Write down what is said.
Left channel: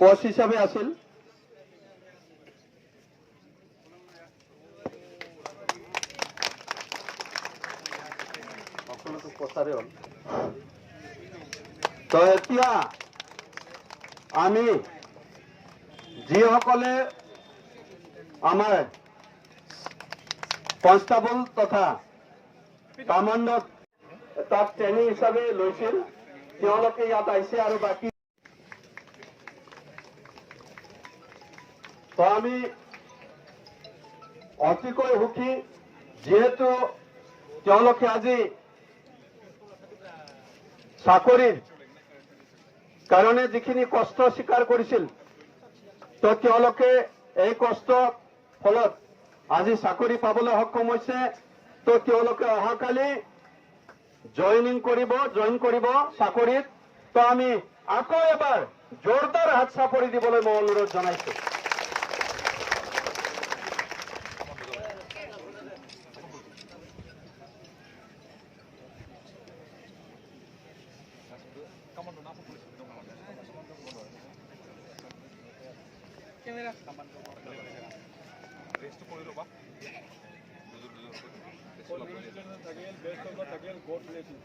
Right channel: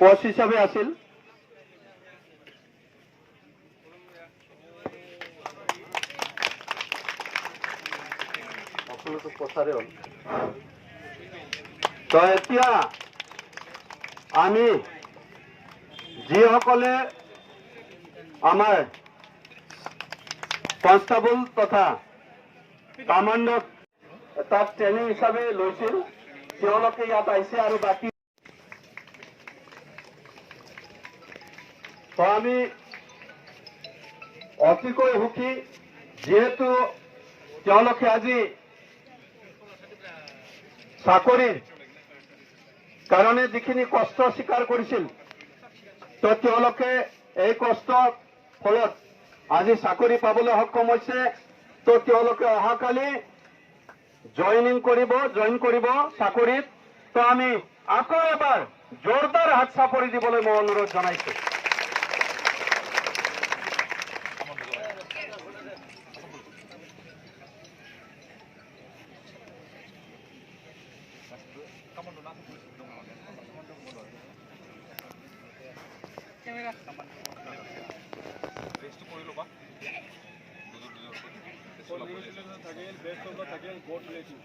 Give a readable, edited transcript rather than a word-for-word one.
কোচ হিচাপে আছিল। তো এতিয়া আমি যিসকলে আমাৰ কনষ্টেবল তথা কামাণ্ডক তাত ট্ৰেইনিং হিচাপে লৈছিল তেওঁলোকে ইয়াত আহিছে আৰু বাকী তো আমি অতিকৈ সুখী যিহেতু তেওঁলোকে আজি চাকৰিৰ কাৰণে যিখিনি কষ্ট স্বীকাৰ কৰিছিল তো তেওঁলোকে এই কষ্টৰ ফলত আজি চাকৰি পাবলৈ সক্ষম হৈছে। তো তেওঁলোকে অহাকালি জইন কৰিব চাকৰিত। তো আমি আকৌ এবাৰ জোৰদাৰ হাত চাপৰি দিবলৈ মই অনুৰোধ জনাইছো। Best of luck again. God bless you.